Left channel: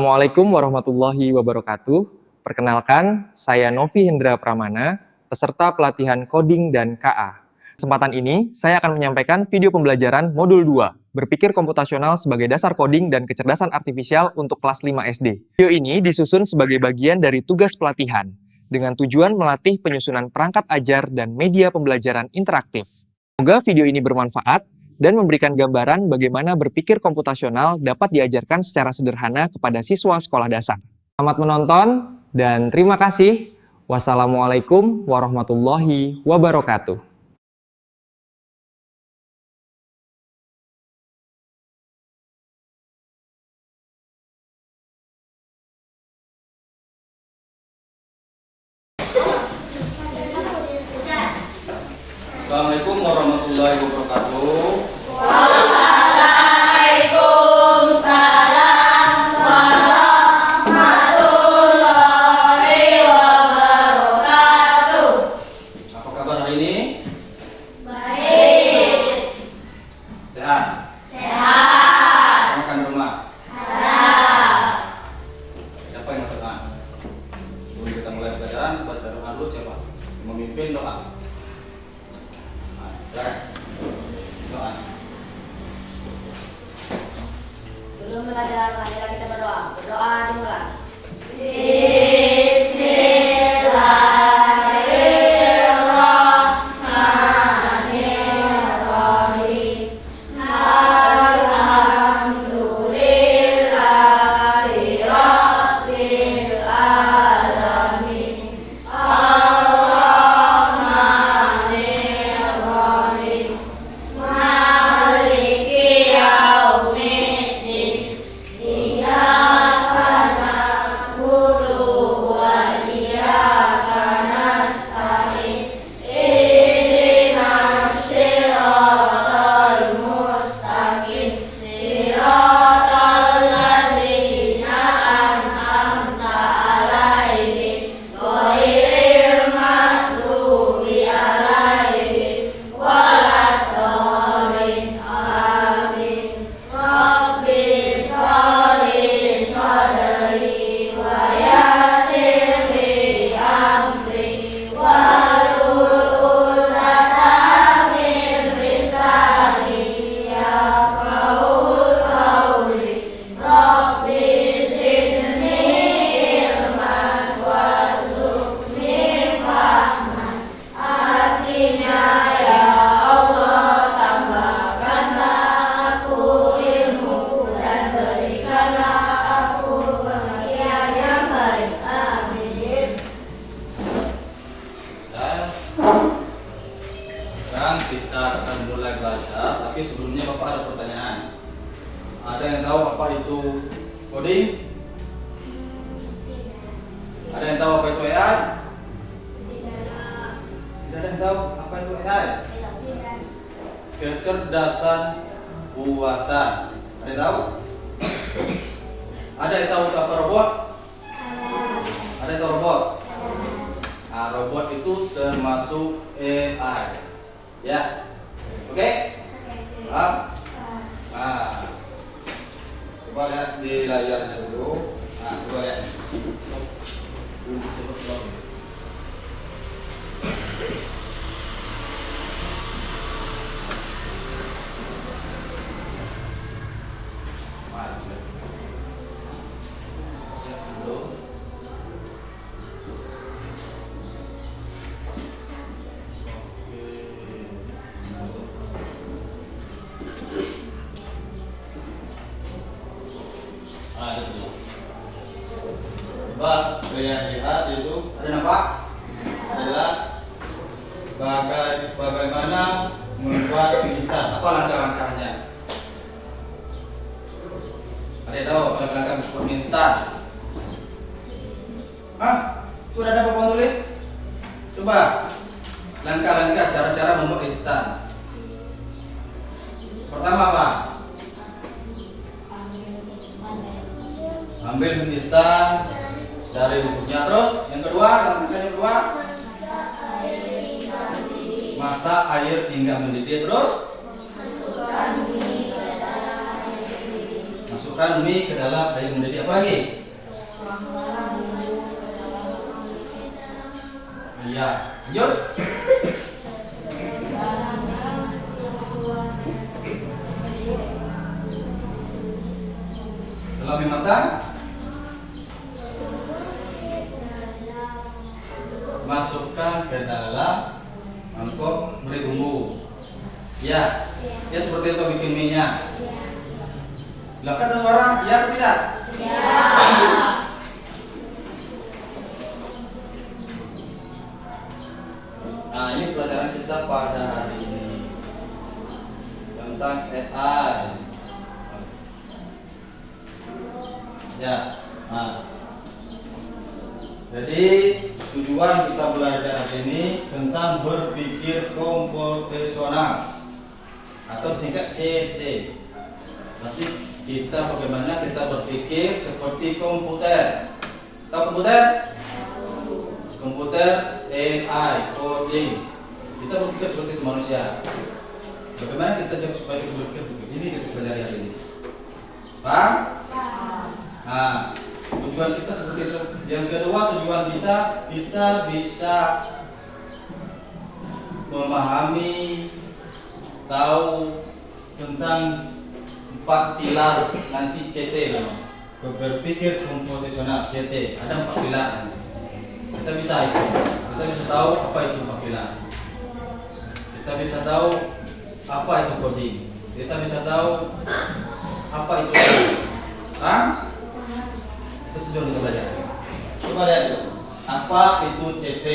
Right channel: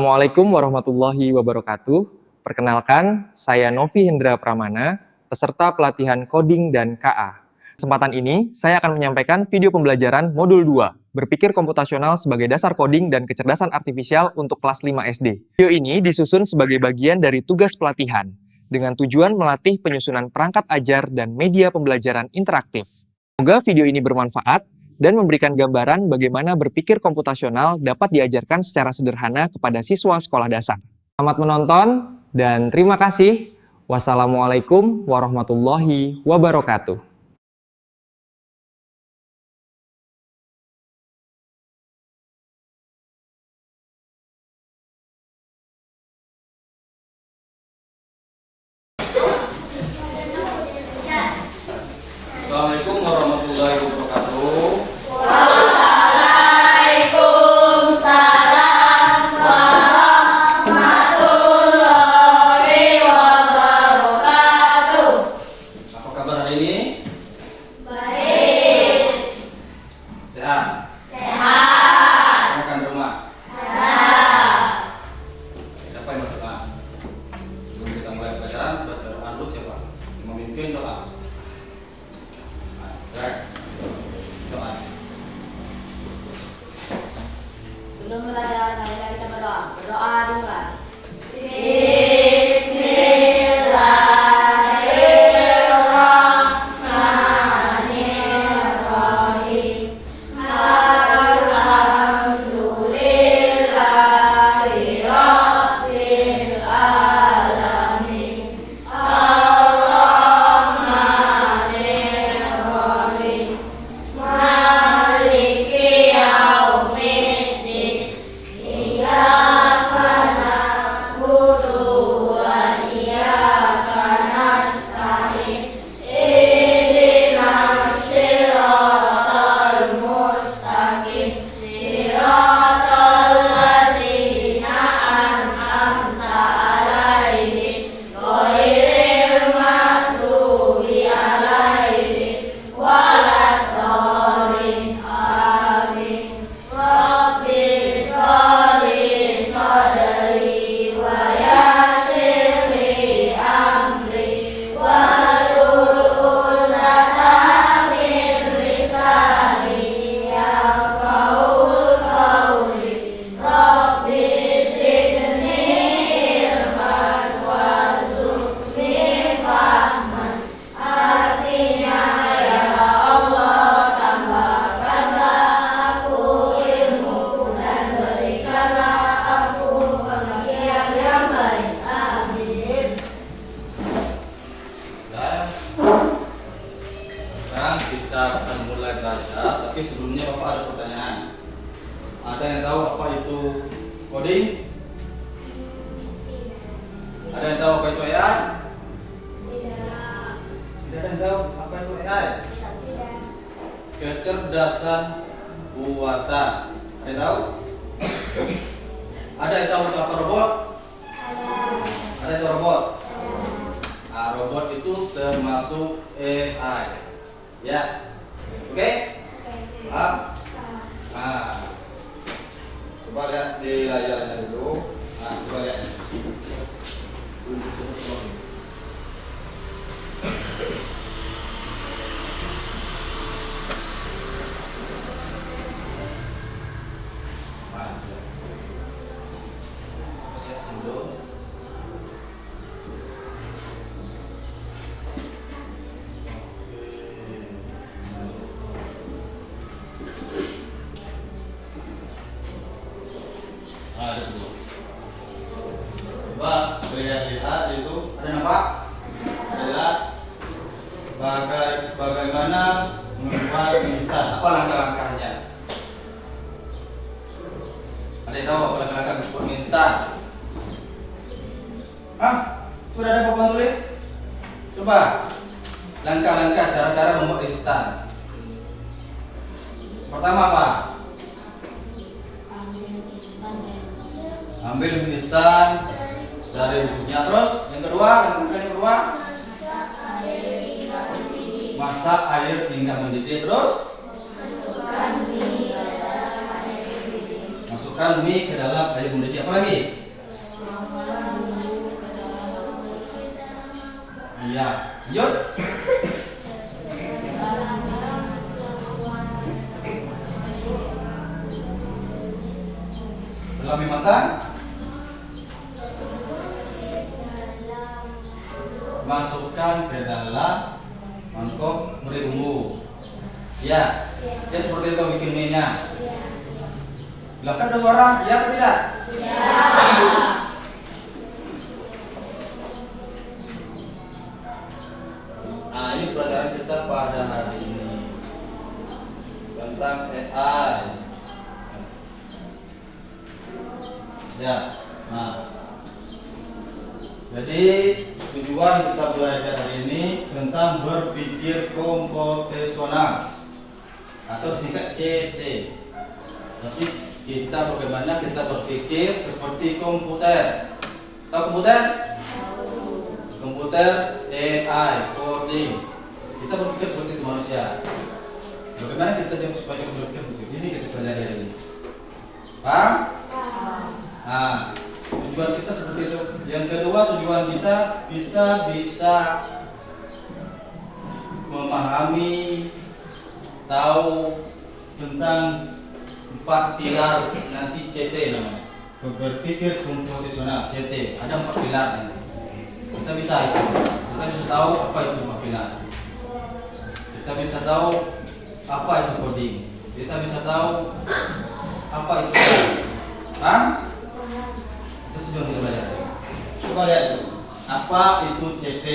Assalamualaikum warahmatullahi wabarakatuh. Perkenalkan, saya Novi Hendra Pramana, peserta pelatihan coding dan KA. Kesempatan ini, saya akan menyampaikan video pembelajaran modul 2, berpikir komputasional sebagai dasar coding dan kecerdasan artifisial untuk kelas 5 SD. Video ini disusun sebagai bagian dari tugas pelatihan, dengan tujuan melatih penyusunan perangkat ajar dan media pembelajaran interaktif. Semoga video ini bermanfaat dan memberikan gambaran bagaimana berpikir komputasional dapat diajarkan secara sederhana kepada siswa sekolah dasar. Selamat menonton dan terima kasih. Wassalamualaikum warahmatullahi wabarakatuh. Assalamualaikum warahmatullahi wabarakatuh. Waalaikumsalam warahmatullahi wabarakatuh. Apa kabar hari ini? Baik. Sehat? Sehat. Makan di rumah? Sehat. Siapa yang masuk doa? Sebelum kita mulai pelajaran, baca doa dulu siapa? Memimpin doa. Doa. Sebelum belajar, marilah kita berdoa. Berdoa dimulai. Bismillahirrahmanirrahim. Alhamdulillahi rabbil alamin. Ar-Rahmanirrahim. Maliki yaumiddin. Iyyaka na'budu wa iyyaka nasta'in. Ihdinas siratal mustaqim. Siratal ladzina an'amta 'alaihim ghairil maghdubi 'alaihim waladdallin. Amin. Rabbi sholli sadri wa yassir li amri wahlul 'uqdatam min lisani yafqahul qawli. Rabbi zidni ilman warzuqni fahman. Artinya, ya Allah, tambahkanlah aku ilmu dan berikanlah aku pengertian yang baik. Amin. Sekarang kita akan mulai belajar, tapi sebelumnya Bapak ada pertanyaan. Ada yang tahu apa itu coding? Ada yang tahu apa itu AI? Tidak ada yang tahu apa itu AI? Kecerdasan buatan. Ada yang tahu? Ada yang tahu apa robot? Ada yang tahu robot? Nah, robot itu termasuk AI. Ya, oke? Nah, coba lihat di layarnya dulu. Nah, coba ya. Nah, itu. Coba kalian lihat itu ada nampak? Ada jelas? Bagaimana membuat instan? Apa langkah-langkahnya? Ada yang tahu apa langkah-langkah membuat instan? Hah? Sudah ada papan tulis? Coba langkah-langkah cara-cara membuat instan. Pertama apa? Ambil mie instan dari bubuknya. Terus yang kedua, langkah yang kedua, masak air hingga mendidih. Terus masukkan mie ke dalam sayur mendidih. Apa lagi? Iya, lanjut. Setelah mie matang, masukkan ke dalam mangkok beri bumbu. Ya, ya seperti itu bikin mie-nya. Lah kan ada suara, ya atau tidak? Nah, ini pelajaran kita pada hari ini tentang AI. Ya, nah, jadi tujuan kita belajar hari ini tentang berpikir komputasional atau singkat CT. Berarti kita bagaimana kita berpikir seperti komputer. Tahu komputer? Komputer, AI, coding. Kita berpikir seperti itu manusia. Bagaimana kita supaya kita berpikir seperti ini kita pelajari hari ini. Paham? Nah, tujuan kita seperti itu. Yang kedua tujuan kita bisa memahami, tahu tentang 4 pilar nanti CT namanya. Berpikir komputasional CT. Ada 4 pilar nanti. Kita bisa itu. Kita bisa tahu apa itu 4 pilar. Kita bisa tahu apa itu coding. Kita bisa tahu apa itu. Paham? Itu tujuan kita belajar. Coba lihat apa itu CT.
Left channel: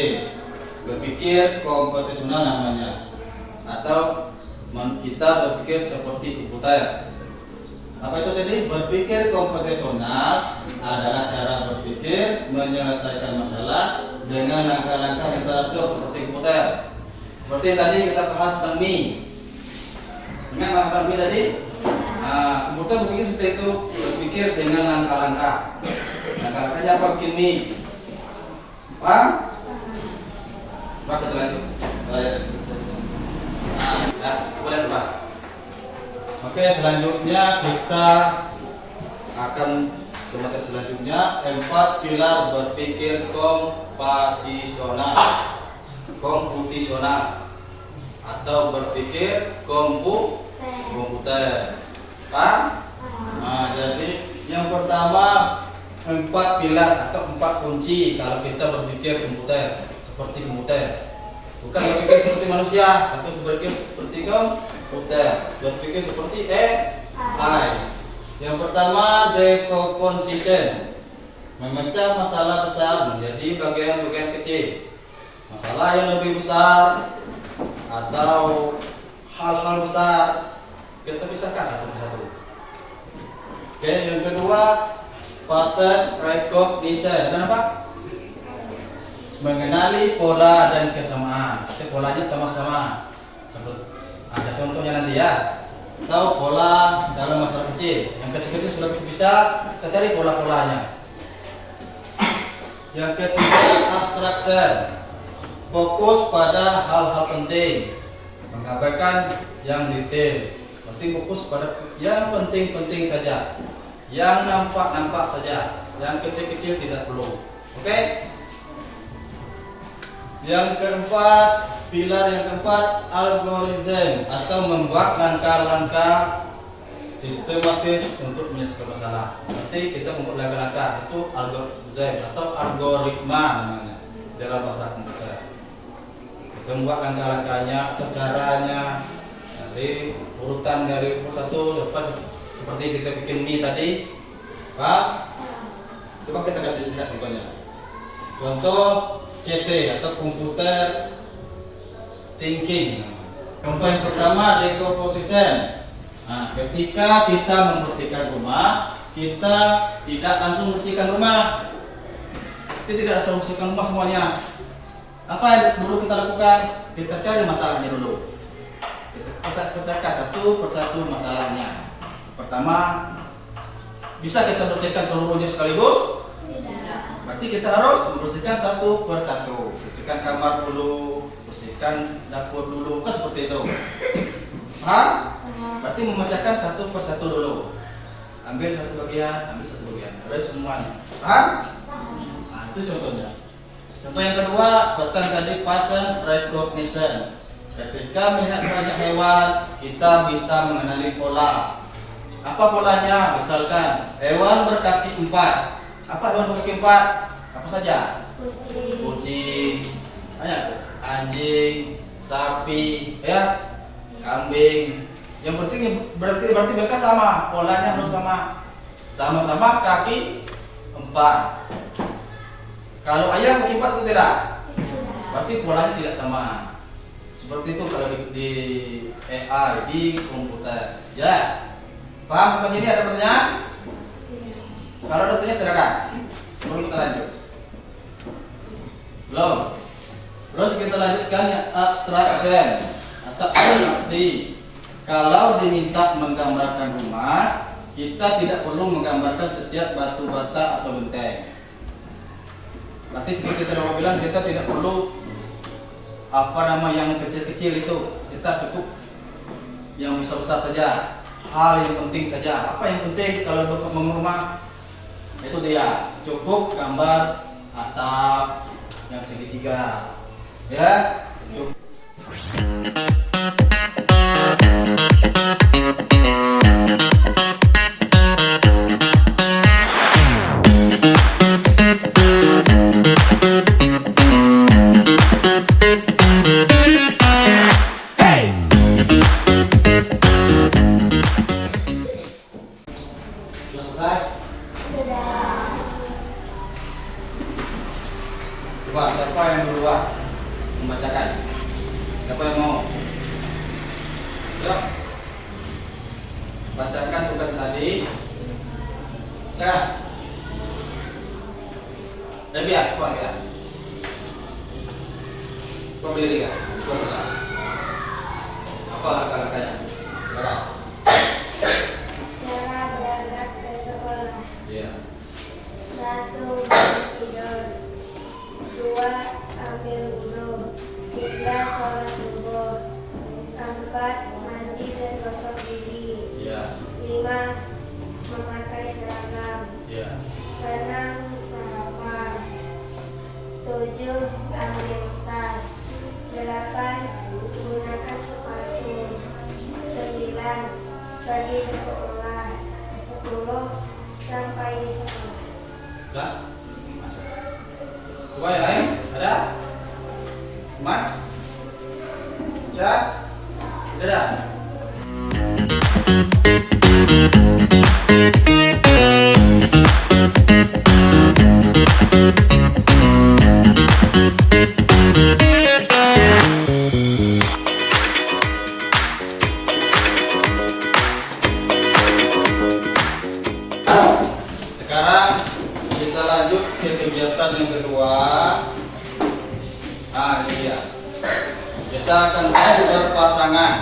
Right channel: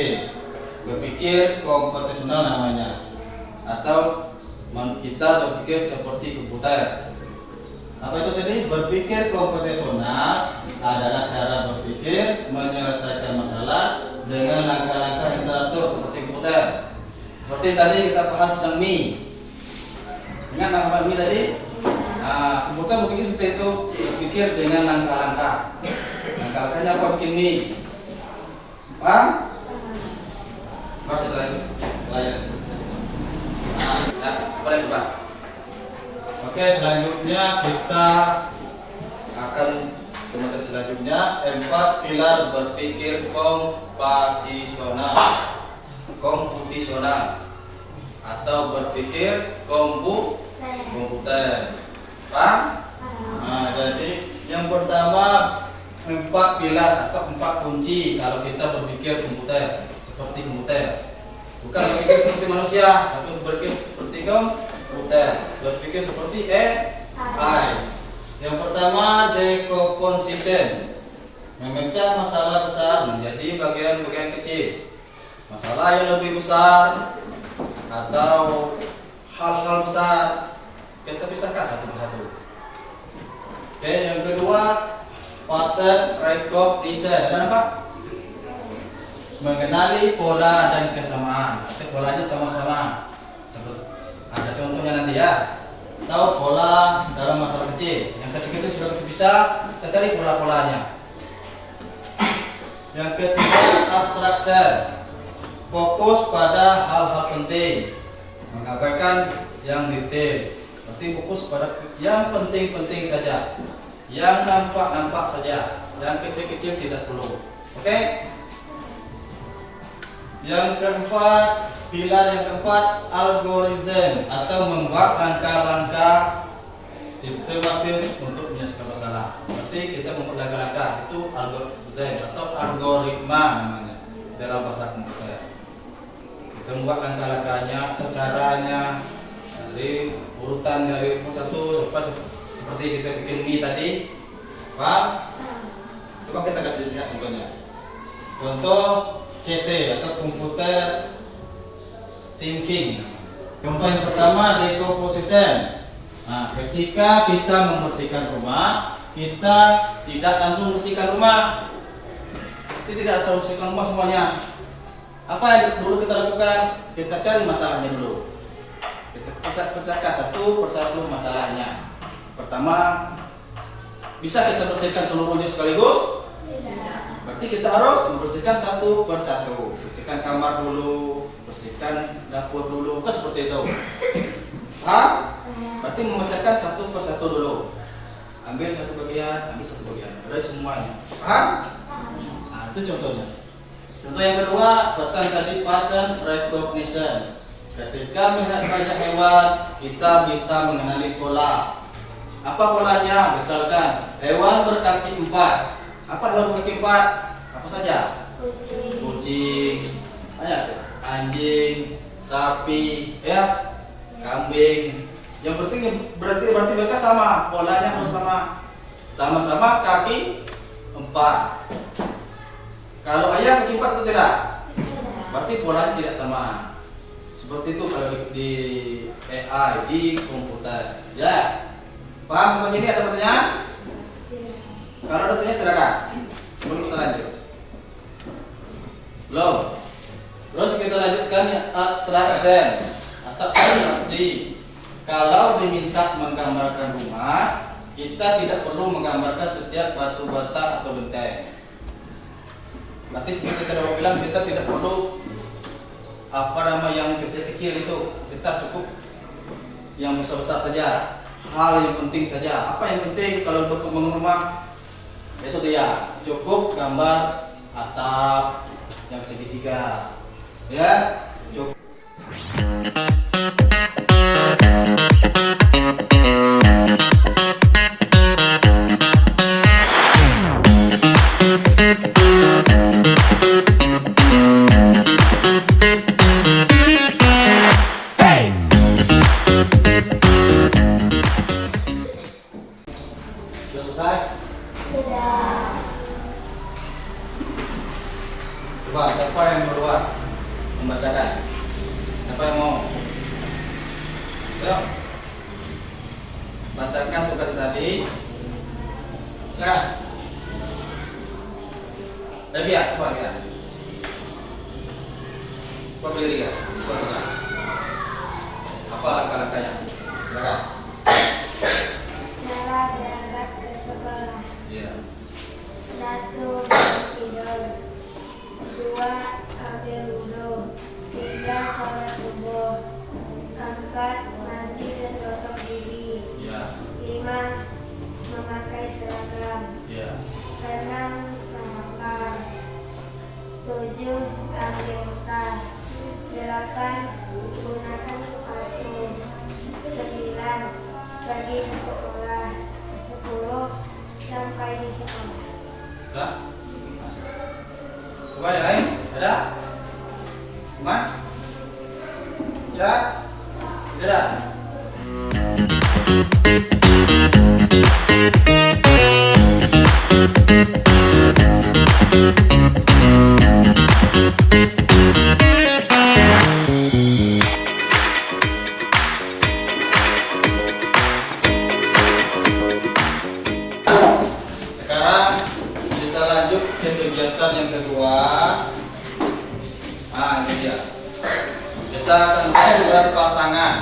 Berpikir komputasional namanya. Atau kita berpikir seperti komputer. Apa itu tadi? Berpikir komputasional adalah cara berpikir menyelesaikan masalah dengan langkah-langkah yang teratur seperti komputer. Seperti tadi kita bahas tentang mie. Ingat langkah mie tadi? Nah, komputer berpikir seperti itu, berpikir dengan langkah-langkah. Langkah-langkahnya apa bikin mie? Paham? Coba kita lanjut. Ya, boleh Pak. Oke, selanjutnya kita akan ke materi selanjutnya 4 pilar berpikir komputasional atau berpikir komputer. Paham? Nah, jadi yang pertama 4 pilar atau 4 kunci kalau kita berpikir komputer seperti komputer. Bukan berpikir seperti manusia, tapi berpikir seperti komputer, berpikir seperti AI. Yang pertama decomposition, memecah masalah besar menjadi bagian-bagian kecil. Masalah yang lebih besar atau hal-hal besar kita pisahkan satu persatu. Oke, yang kedua pattern recognition. Dan apa? Mengenali pola dan kesamaan. Jadi polanya sama-sama. Ada contohnya nanti ya. Tahu pola dalam masalah kecil. Yang kecil-kecil sudah kita bisa, kita cari pola-polanya. Yang ketiga abstraction. Fokus pada hal-hal penting. Mengabaikan yang detail. Berarti fokus pada yang penting-penting saja. Yang nampak-nampak saja. Yang kecil-kecil tidak perlu. Oke? Yang keempat, pilar yang keempat, algoritma atau membuat langkah-langkah sistematis untuk menyelesaikan masalah. Berarti kita membuat langkah-langkah itu algoritma atau algoritma namanya dalam bahasa komputer. Kita membuat langkah-langkahnya atau caranya dari urutan dari satu seperti kita bikin mie tadi. Pak, coba kita kasih lihat contohnya. Contoh CT atau computer thinking. Contoh yang pertama decomposition. Nah, ketika kita membersihkan rumah, kita tidak langsung bersihkan rumah. Kita tidak langsung bersihkan rumah semuanya. Apa yang dulu kita lakukan? Kita cari masalahnya dulu. Kita pecahkan satu persatu masalahnya. Pertama, bisa kita bersihkan seluruhnya sekaligus? Berarti kita harus membersihkan satu persatu. Bersihkan kamar dulu, bersihkan dapur dulu, kan seperti itu. Berarti memecahkan satu persatu dulu. ambil satu bagian, udah semuanya. Paham? Nah, itu contohnya. Contoh yang kedua, buatkan tadi pattern recognition. Ketika melihat banyak hewan, kita bisa mengenali pola. Apa polanya? Misalkan hewan berkaki 4. Apa hewan berkaki 4? Apa saja? Kucing, banyak tuh. Anjing, sapi, ya, kambing. Yang penting berarti mereka sama, polanya harus sama. Sama-sama kaki 4. Kalau ayam kaki 4 atau tidak? Berarti polanya tidak sama. Seperti itu kalau di AI, di komputer. Ya. Paham sampai sini ada pertanyaan? Kalau ada pertanyaan silakan. Sebelum kita lanjut. Belum. Terus kita lanjutkan yang abstraction atau abstraksi. Kalau diminta menggambarkan rumah, kita tidak perlu menggambarkan setiap batu bata atau benteng. Berarti seperti tadi saya bilang, kita tidak perlu yang kecil-kecil itu. Kita cukup yang besar-besar saja. Hal yang penting saja. Apa yang penting kalau membangun rumah? Itu dia. Cukup gambar atap yang segitiga. Ya, cukup. Sudah selesai? Coba siapa yang duluan membacakan? Siapa yang mau? Yuk. Bacakan tugas tadi. Silakan. Dia, coba dia. Coba berdiri kan? Apa langkah-langkahnya? Silakan. Cara berangkat ke sekolah. Iya. 1. Tidur. 2. Ambil wudhu. 3. Sholat subuh. 4. Mandi dan gosok gigi. Iya. 5. Memakai seragam. Iya. 6. Sarapan. 7. Ambil tas. 8. Gunakan sepatu. 9. Pergi ke sekolah. 10. Sampai di sekolah. Sudah? Coba yang lain, ada? Iman? Ya? Tidak ada? Sekarang kita lanjut ke kegiatan yang kedua. Ini dia. Kita akan berpasangan.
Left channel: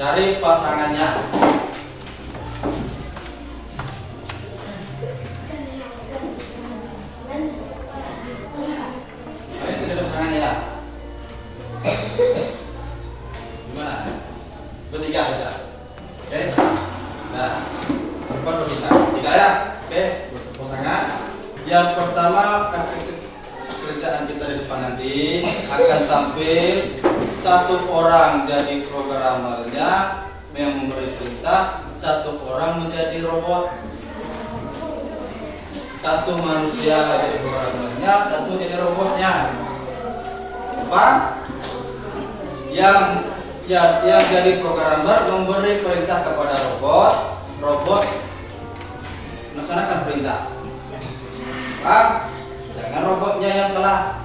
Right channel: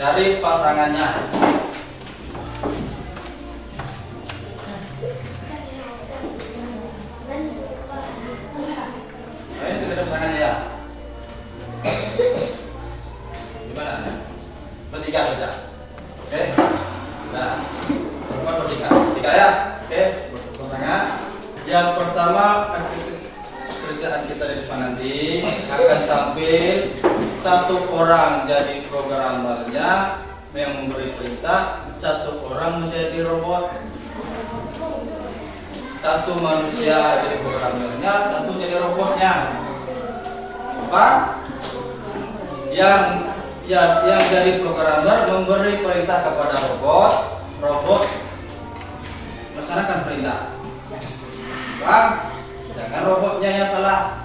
Cari pasangannya. Ini tidak ada pasangannya ya? Gimana? Bertiga saja. Oke? Nah, perempuan bertiga. Tiga ya? Oke, pasangan. Yang pertama, kerjaan kita di depan nanti akan tampil satu orang jadi programmernya yang memberi perintah, satu orang menjadi robot, satu manusia jadi programmernya, satu jadi robotnya. Apa? Yang jadi programmer memberi perintah kepada robot melaksanakan perintah. Paham? Jangan robotnya yang salah.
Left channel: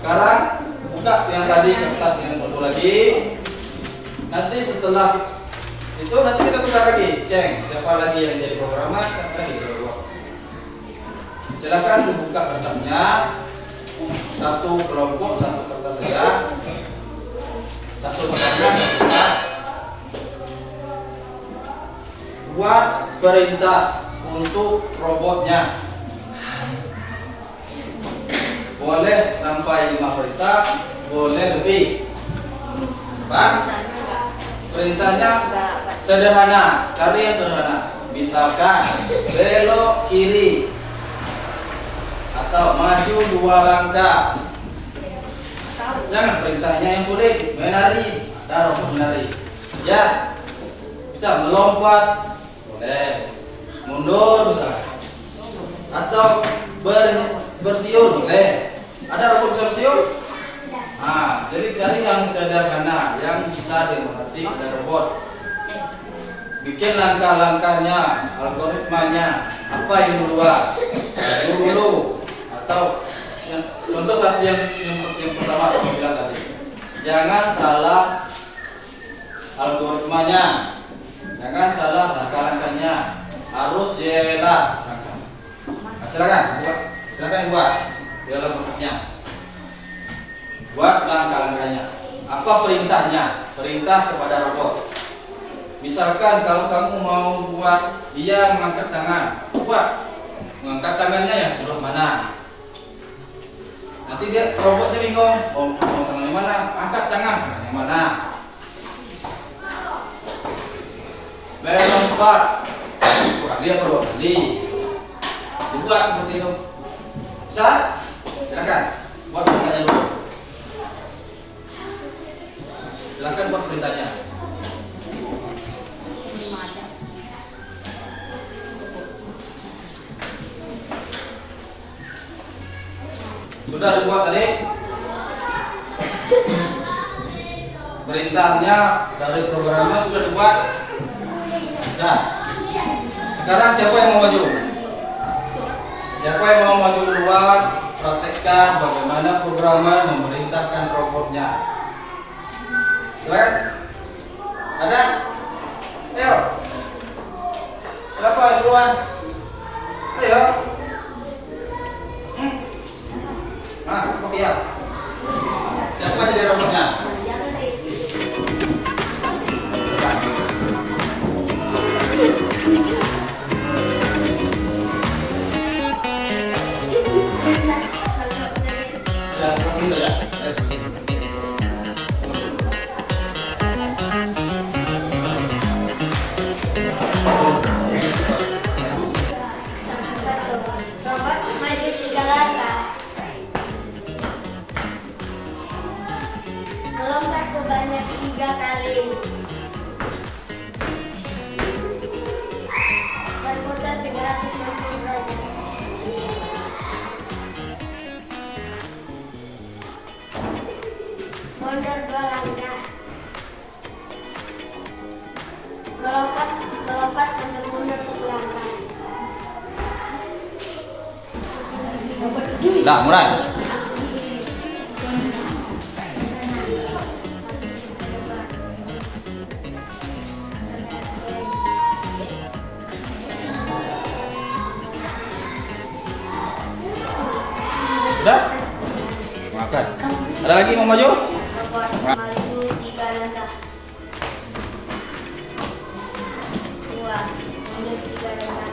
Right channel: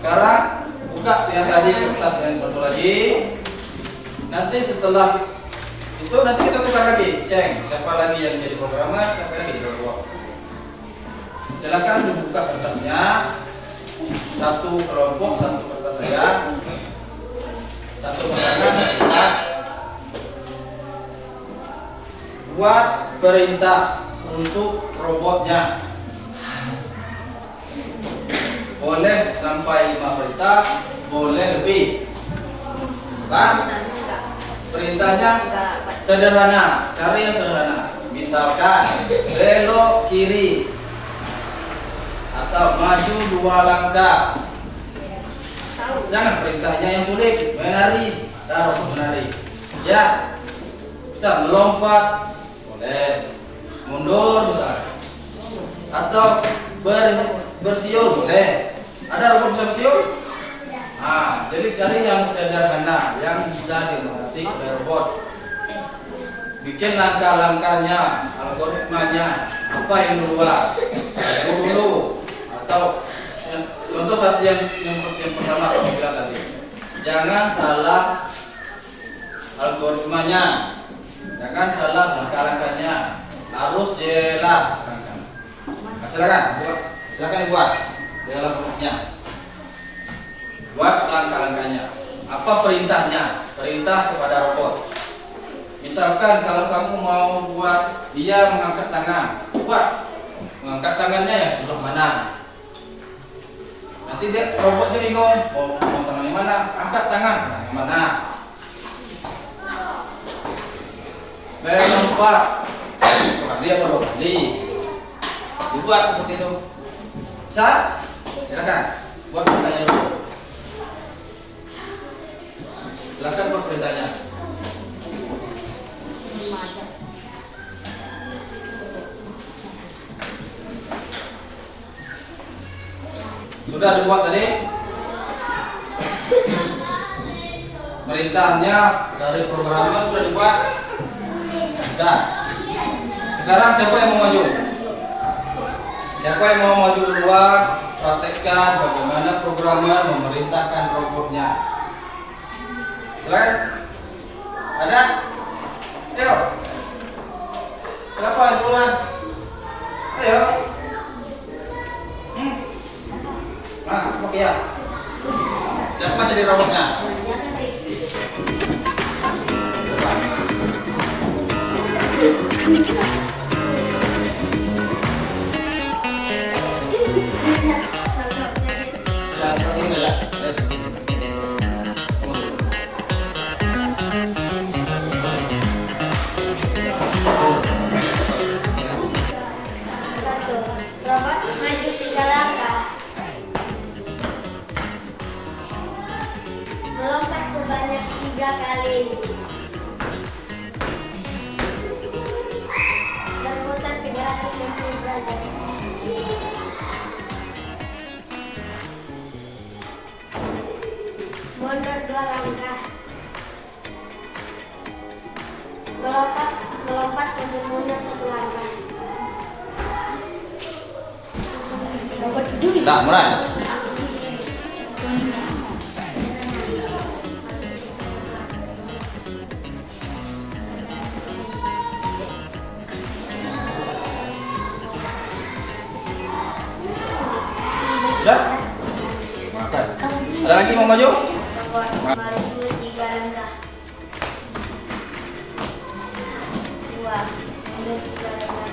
Sekarang buka yang tadi kertas yang satu lagi. Nanti setelah itu nanti kita tukar lagi, cek siapa lagi yang jadi programmer, siapa lagi jadi robot. Silakan dibuka kertasnya. Satu kelompok, satu kertas saja. Satu pasangan. Buat perintah untuk robotnya. Boleh sampai 5 perintah, boleh lebih. Bang? Perintahnya sederhana, cari yang sederhana. Misalkan belok kiri atau maju 2 langkah. Jangan perintahnya yang sulit, menari, taruh menari. Ya, bisa melompat, boleh. Mundur bisa. Atau bersiul, boleh. Ada robot bisa bersiul? Nah, jadi cari yang sederhana, yang bisa dimengerti oleh robot. Bikin langkah-langkahnya, algoritmanya, apa yang dulu, atau contoh satu yang pertama aku bilang tadi, jangan salah algoritmanya, jangan salah langkah-langkahnya, harus jelas. Nah, silakan buat dalam rumusnya, buat langkah-langkahnya. Apa perintahnya? Perintah kepada robot. Misalkan kalau kamu mau buat dia mengangkat tangan, buat mengangkat tangannya yang sebelah mana. Nanti dia robotnya bingung, mau tangan yang mana, angkat tangan yang mana. Melompat, wah dia baru tadi. Dibuat seperti itu. Bisa? Silakan buat perintahnya dulu. Silakan buat perintahnya. Sudah dibuat tadi? Perintahnya dari programnya sudah dibuat? Sudah. Sekarang siapa yang mau maju? Siapa yang mau maju duluan? Praktekkan bagaimana programmer memerintahkan robotnya. Silakan. Ada? Ayo. Siapa yang duluan? Ayo. Nah, oke ya. Siapa jadi robotnya? Saya kasih ya. Satu, robot maju 3 langkah. Melompat sebanyak 3 kali. Berputar 360 derajat. Mundur 2 langkah. Melompat sambil mundur 1 langkah. Nah, Imran. Sudah? Oke. Ada lagi mau maju? Robot maju 3 langkah. 2, mundur 3 langkah.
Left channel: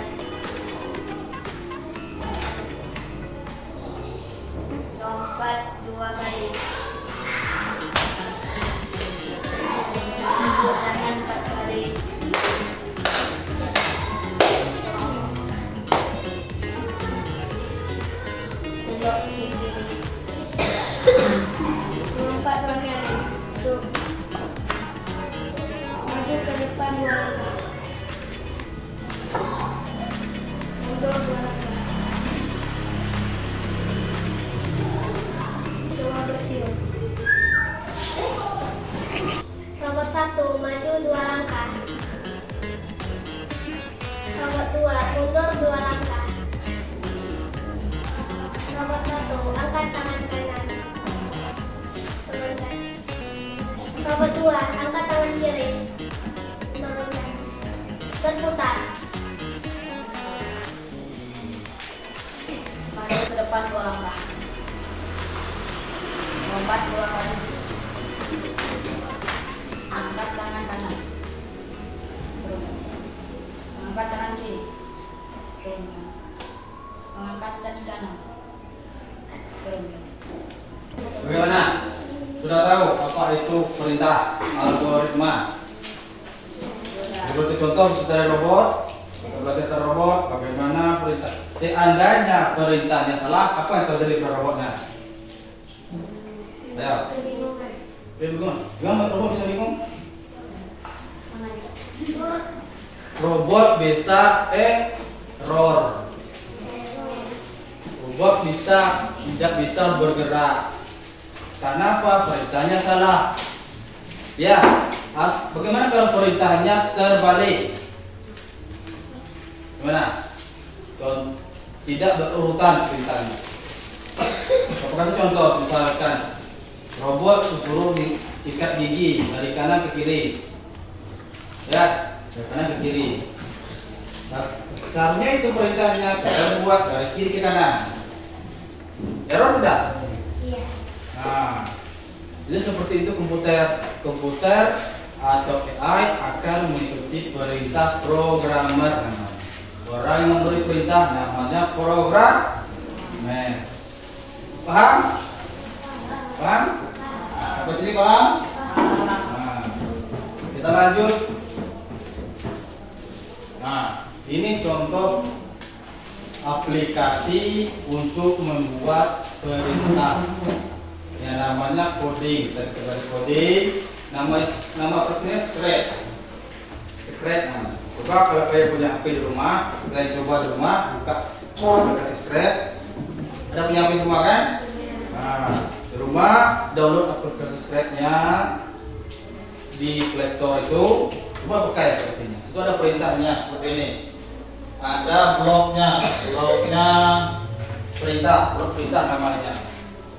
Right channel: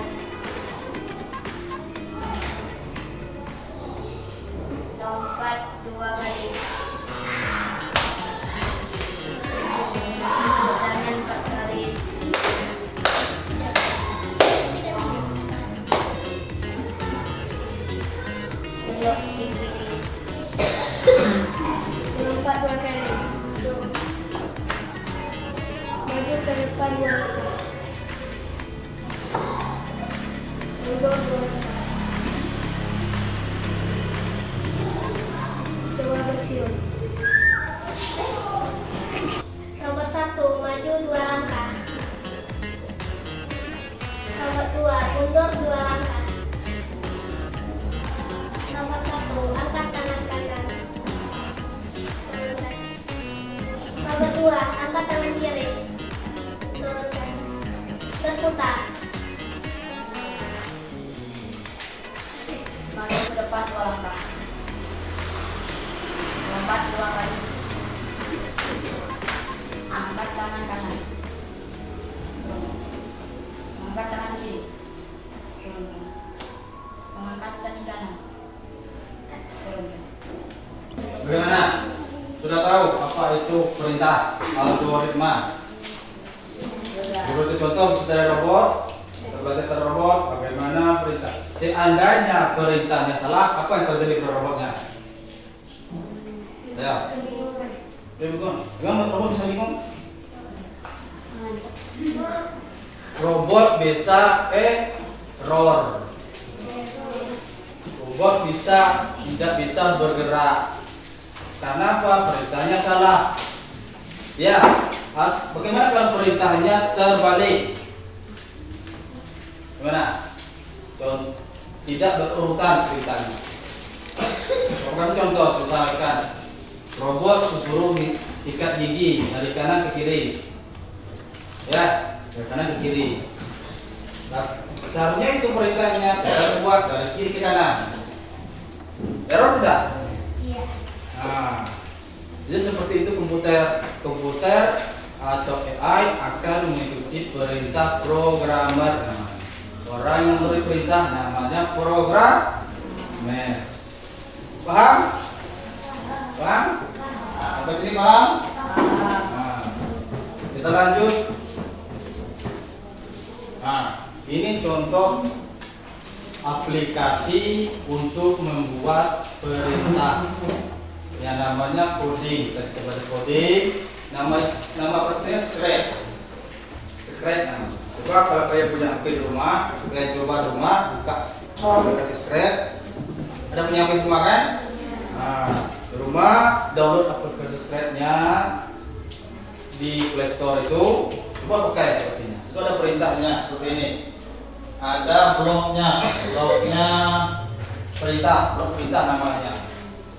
Lompat 2 kali. Bertahan 4 kali. Belok sini. Lompat 2 kali. Tuh. Maju ke depan 2 langkah. Mundur 2 langkah. Coba bersiul. Robot 1 maju 2 langkah. Robot 2 mundur 2 langkah. Robot 1 angkat tangan kanan. Turunkan. Robot 2 angkat tangan kiri. Turunkan. Berputar. Maju ke depan 2 langkah. Lompat 2 kali. Angkat tangan kanan. Turunkan. Angkat tangan kiri. Turunkan. Mengangkat tangan kanan. Turunkan. Bagaimana? Sudah tahu apa itu perintah algoritma? Seperti contoh kita ada robot, kita belajar tentang robot, bagaimana perintah. Seandainya perintahnya salah, apa yang terjadi pada robotnya? Ya, Kebingungan. dia bingung. Gimana robot bisa bingung? Robot bisa error. Robot tidak bisa bergerak. Karena apa? Perintahnya salah. Ya, bagaimana kalau perintahnya terbalik? Gimana? Tidak berurutan perintahnya. Saya kasih contoh, misalkan robot disuruh sikat gigi dari kanan ke kiri, ya, dari kanan ke kiri. Nah, seharusnya itu perintahnya kita buat dari kiri ke kanan. Error tidak? Iya. Nah, jadi seperti itu komputer atau AI akan mengikuti perintah programmer. Orang yang memberi perintah namanya programmer. Paham? Paham? Sampai sini paham? Nah, kita lanjut. Nah, ini contoh aplikasi untuk membuat perintah yang namanya coding. Kita belajar coding. Nama aplikasinya Scratch. Nah, coba kalau kalian punya HP di rumah, kalian coba di rumah buka aplikasi Scratch. Ada punya HP semua kan? Nah, di rumah download aplikasi Scratch-nya di Play Store itu. Coba buka ya aplikasinya. Itu ada perintahnya seperti ini. Ada bloknya blok perintah namanya.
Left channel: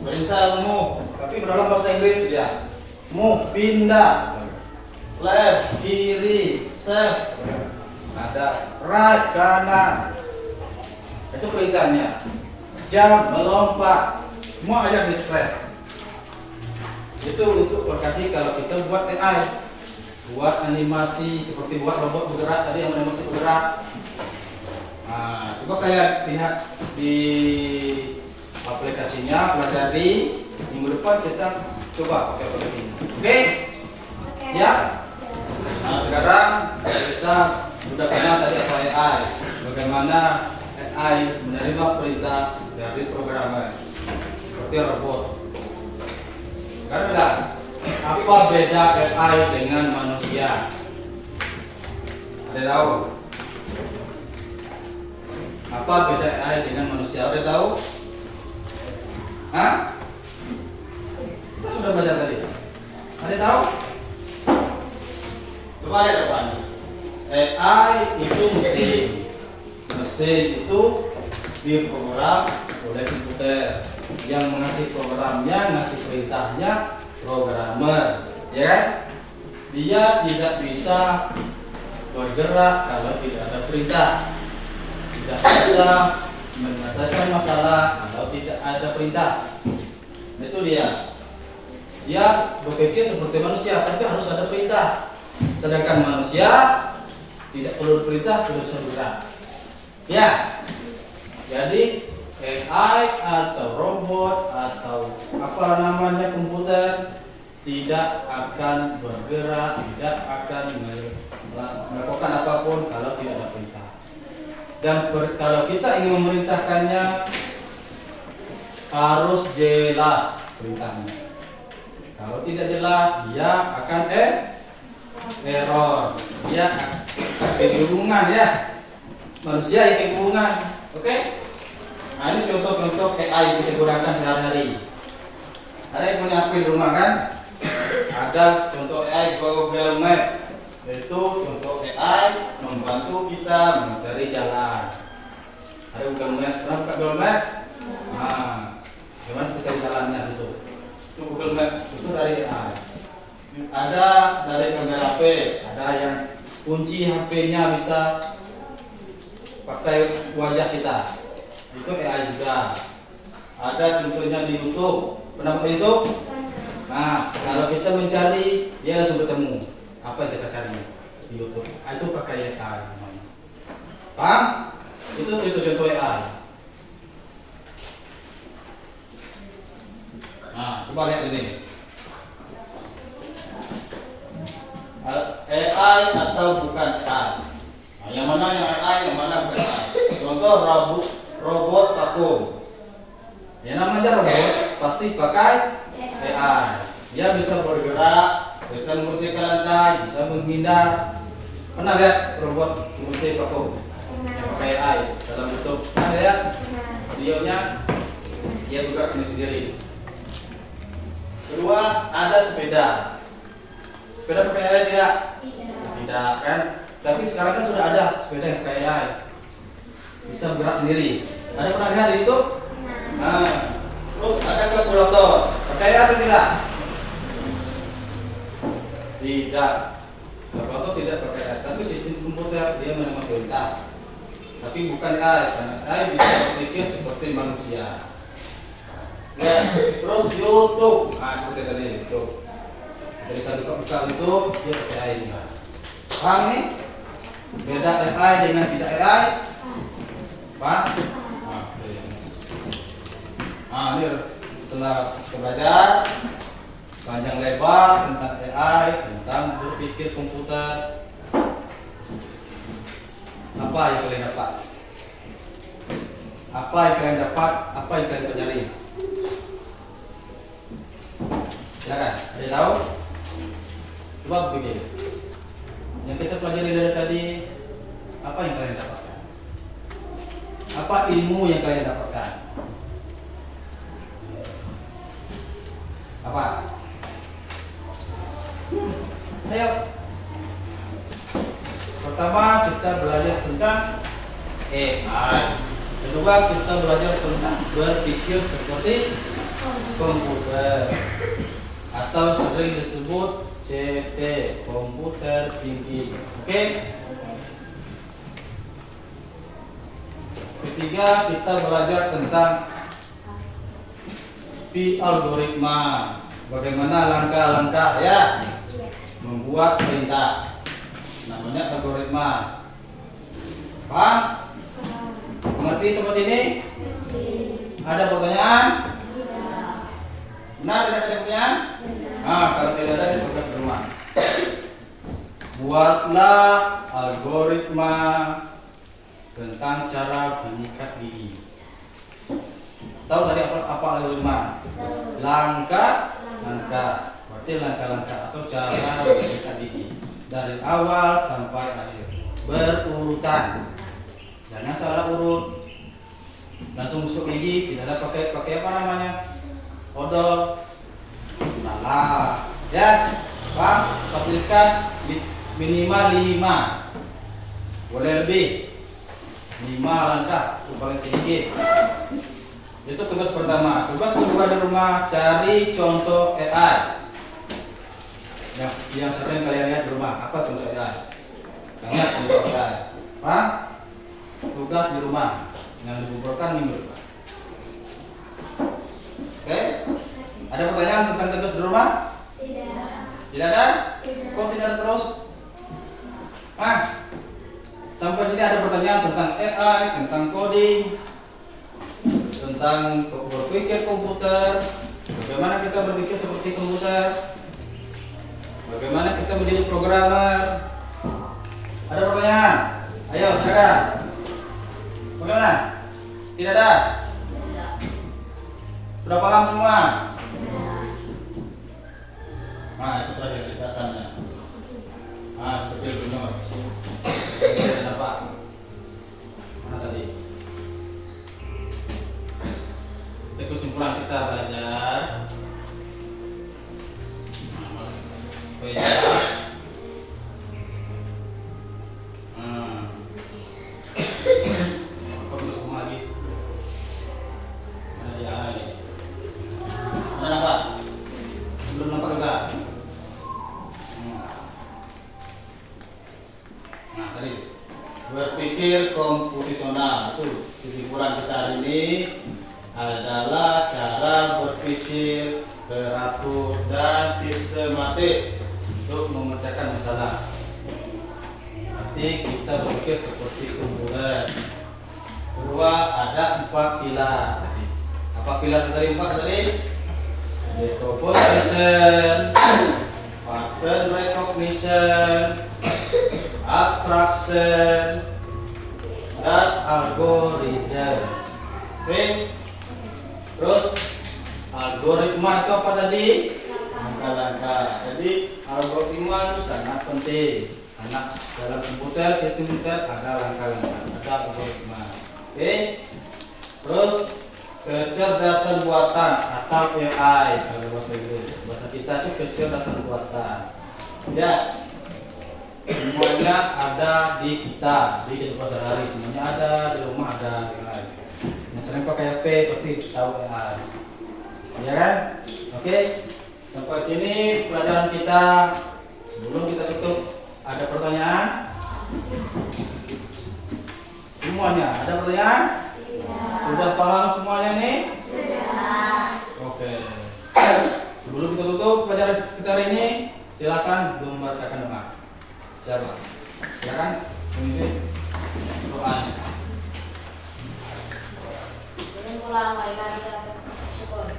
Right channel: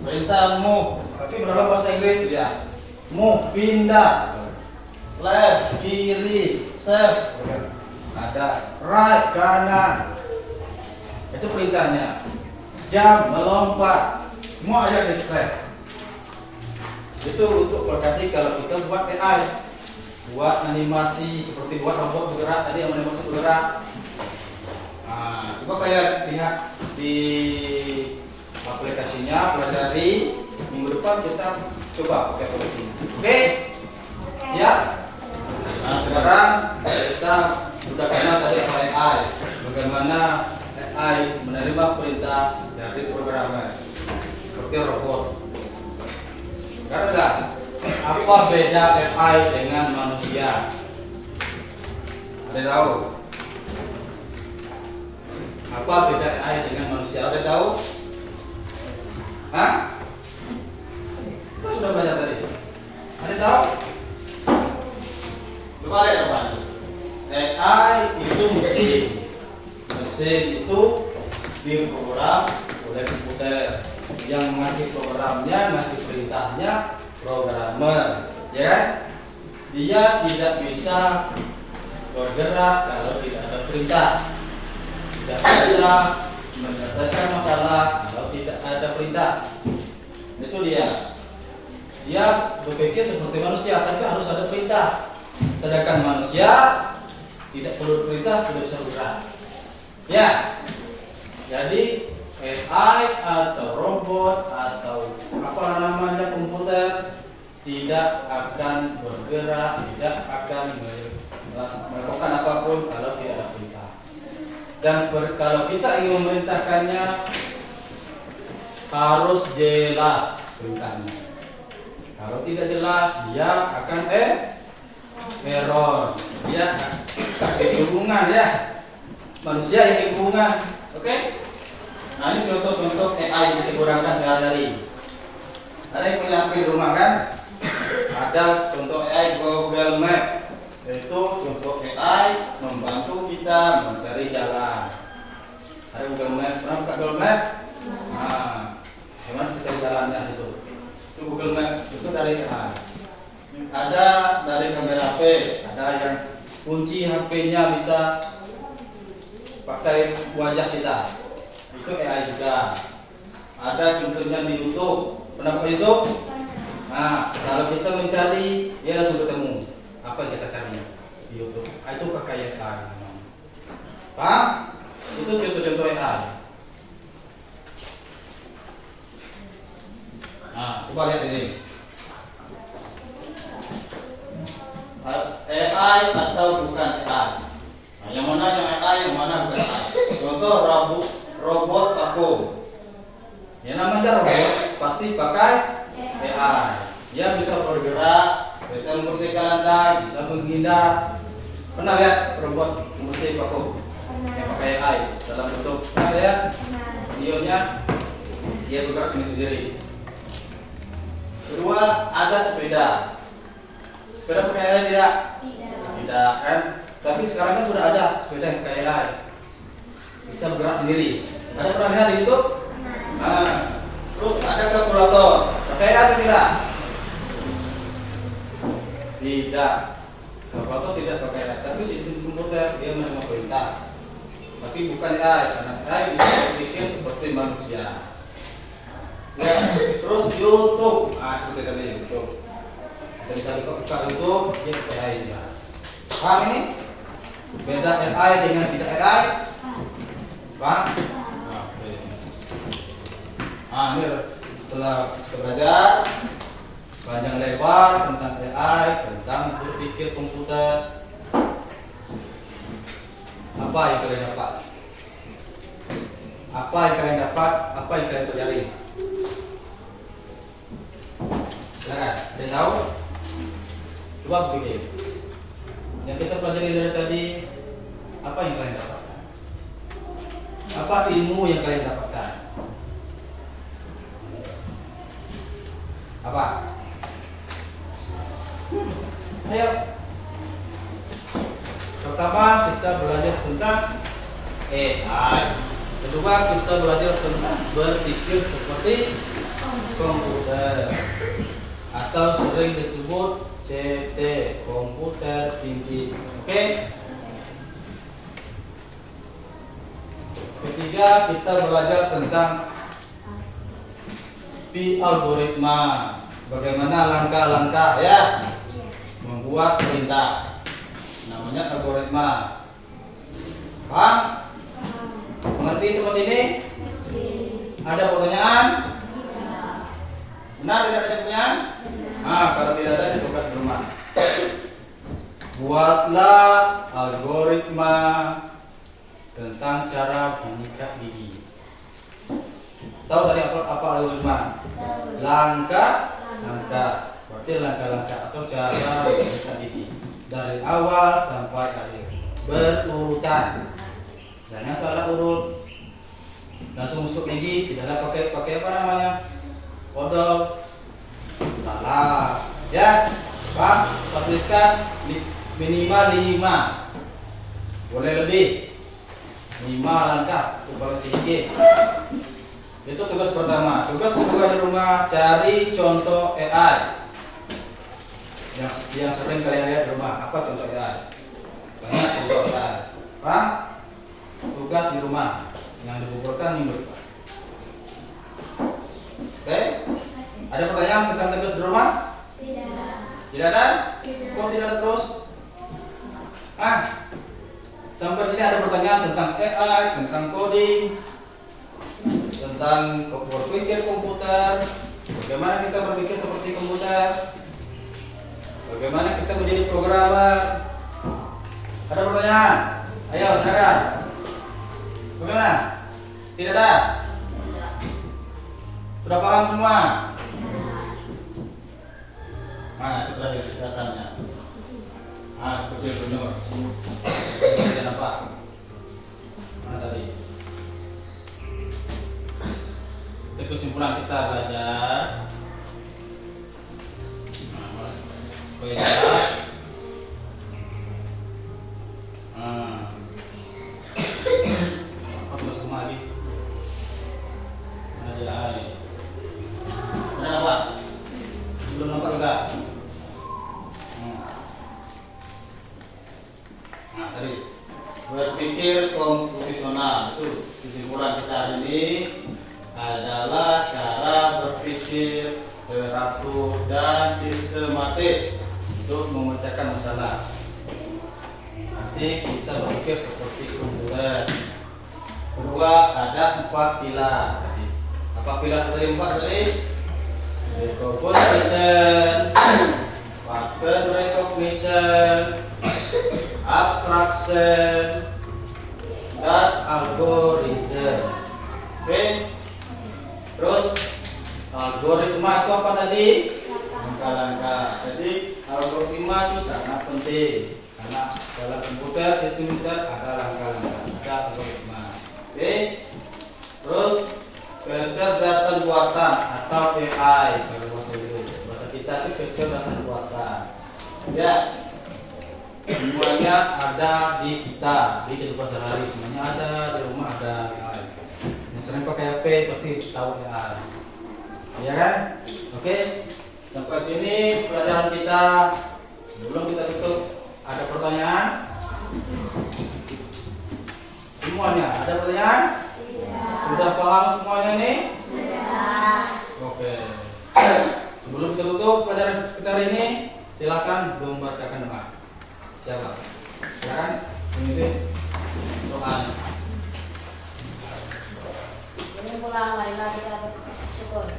Perintah move, tapi dalam bahasa Inggris dia. Move, pindah, left, kiri, shift, ada right, kanan. Itu perintahnya. Jump, melompat, semua ada di Scratch. Itu untuk aplikasi kalau kita buat AI, buat animasi seperti buat robot bergerak tadi yang animasi bergerak. Nah, coba kalian lihat di aplikasinya, pelajari. Minggu depan kita coba pakai aplikasinya. Oke? Ya? Nah, sekarang kita sudah kenal tadi apa AI. Bagaimana AI menerima perintah dari programmer seperti robot. Karena apa beda AI dengan manusia? Ada tahu? Apa beda AI dengan manusia? Ada tahu? Hah? Kita sudah belajar tadi. Ada tahu? Coba lihat depan. AI itu mesin. Mesin itu diprogram oleh komputer. Yang ngasih programnya, ngasih perintahnya programmer, ya kan? Dia tidak bisa bergerak kalau tidak ada perintah. Tidak bisa menyelesaikan masalah kalau tidak ada perintah. Itu dia. Dia berpikir seperti manusia, tapi harus ada perintah. Sedangkan manusia tidak perlu perintah, sudah bisa bergerak. Ya. Jadi AI atau robot atau apalah namanya komputer tidak akan bergerak, tidak akan melakukan apapun kalau tidak ada perintah. Dan kalau kita ingin memerintahkannya harus jelas perintahnya. Kalau tidak jelas dia akan error. Dia kebingungan ya. Manusia yang kebingungan. Oke? Nah, ini contoh-contoh AI yang kita gunakan sehari-hari. Ada yang punya HP di rumah kan? Ada contoh AI Google Map. Yaitu contoh AI membantu kita mencari jalan. Ada Google Map. Pernah buka Google Map? Nah, gimana kita cari jalannya itu? Itu Google Map. Itu dari AI. Ada dari kamera HP. Ada yang kunci HP-nya bisa pakai wajah kita. Itu AI juga. Ada contohnya di YouTube. Pernah pakai YouTube? Nah, kalau kita mencari, dia langsung ketemu apa yang kita cari di YouTube. Itu pakai AI. Paham? Itu contoh-contoh AI. Nah, coba lihat ini. AI AI atau bukan AI? Nah, yang mana yang AI, yang mana bukan AI? Contoh robot vakum. Ya namanya robot pasti pakai AI. Dia bisa bergerak, bisa membersihkan lantai, bisa menghindar. Pernah lihat robot membersih vakum yang pakai AI dalam bentuk? Pernah lihat videonya? Dia bergerak sendiri-sendiri. Kedua, ada sepeda. Sepeda pakai AI tidak? Tidak kan? Tapi sekarang kan sudah ada sepeda yang pakai AI. Bisa bergerak sendiri. Ada pernah lihat di YouTube? Nah, terus ada kalkulator. Pakai AI atau tidak? Tidak. Kalkulator tidak pakai AI. Tapi sistem komputer dia menerima perintah. Tapi bukan AI. Karena AI bisa berpikir seperti manusia. Ya, terus YouTube. Seperti tadi YouTube. Kita bisa buka YouTube, dia pakai AI juga. Paham ini? Beda AI dengan tidak AI. Paham? Oke. Ini setelah kita belajar panjang lebar tentang AI, tentang berpikir komputer. Apa yang kalian dapat? Apa yang kalian dapat? Apa yang kalian pelajari? Silakan, ada yang tahu? Coba pikir. Yang kita pelajari dari tadi, apa yang kalian dapatkan? Apa ilmu yang kalian dapatkan? Apa? Ayo. Pertama kita belajar tentang AI. Kedua kita belajar tentang berpikir seperti komputer atau sering disebut CT, komputer tinggi. Oke? Ketiga kita belajar tentang algoritma. Bagaimana langkah-langkah ya membuat perintah. Namanya algoritma. Paham? Mengerti sampai sini? Ada pertanyaan? Benar tidak ada pertanyaan? Kalau tidak ada tugas di rumah. Buatlah algoritma tentang cara menyikat gigi. Tahu tadi apa algoritma? Langkah. Berarti langkah-langkah atau cara menyikat gigi dari awal sampai akhir berurutan. Jangan salah urut. Langsung masuk gigi, tidak ada pakai apa namanya? Odol. Salah. Ya, Pak, pastikan minimal 5. Boleh lebih. 5 langkah untuk balik gigi. Itu tugas pertama. Tugas kedua di rumah, cari contoh AI yang sering kalian lihat di rumah. Apa contoh AI? Banyak contoh AI. Pak, tugas di rumah yang dikumpulkan minggu depan. Oke? Ada pertanyaan tentang tugas di rumah? Tidak. Tidak ada? Kok tidak ada terus? Sampai sini ada pertanyaan tentang AI, tentang coding, tentang berpikir komputer, bagaimana kita berpikir seperti komputer, bagaimana kita menjadi programmer. Ada pertanyaan? Ayo, silakan. Bagaimana? Tidak ada? Sudah paham semua? Itu terakhir penjelasannya. Kecil benar. Tidak apa? Mana tadi? Itu kesimpulan kita belajar. Supaya jelas. Apa tulis semua lagi? Mana dia lagi? Mana nampak? Belum nampak juga. Tadi berpikir komputasional itu kesimpulan kita hari ini adalah cara berpikir teratur dan sistematis untuk memecahkan masalah. Nanti kita berpikir seperti komputer. Kedua ada 4 pilar tadi. Apa pilar tadi 4 tadi? Decomposition, pattern recognition, abstraction, dan algoritma. Oke. Terus algoritma itu apa tadi? Langkah-langkah. Jadi algoritma itu sangat penting karena dalam komputer, sistem komputer ada langkah-langkah, ada algoritma. Oke. Terus kecerdasan buatan atau AI kalau bahasa Inggris. Bahasa kita itu kecerdasan buatan. Ya. Semuanya ada di kita, di kehidupan sehari-hari. Semuanya ada, di rumah ada AI. Yang sering pakai HP pasti tahu AI. Ya kan? Oke. Sampai sini pelajaran kita. Sebelum kita tutup, ada pertanyaan? Semuanya ada pertanyaan? Sudah paham semuanya nih? Sudah. Oke. Sebelum kita tutup pelajaran kita hari ini, silakan membacakan doa. Siapa? Silakan memimpin doanya. Ini pulang, marilah kita bersyukur.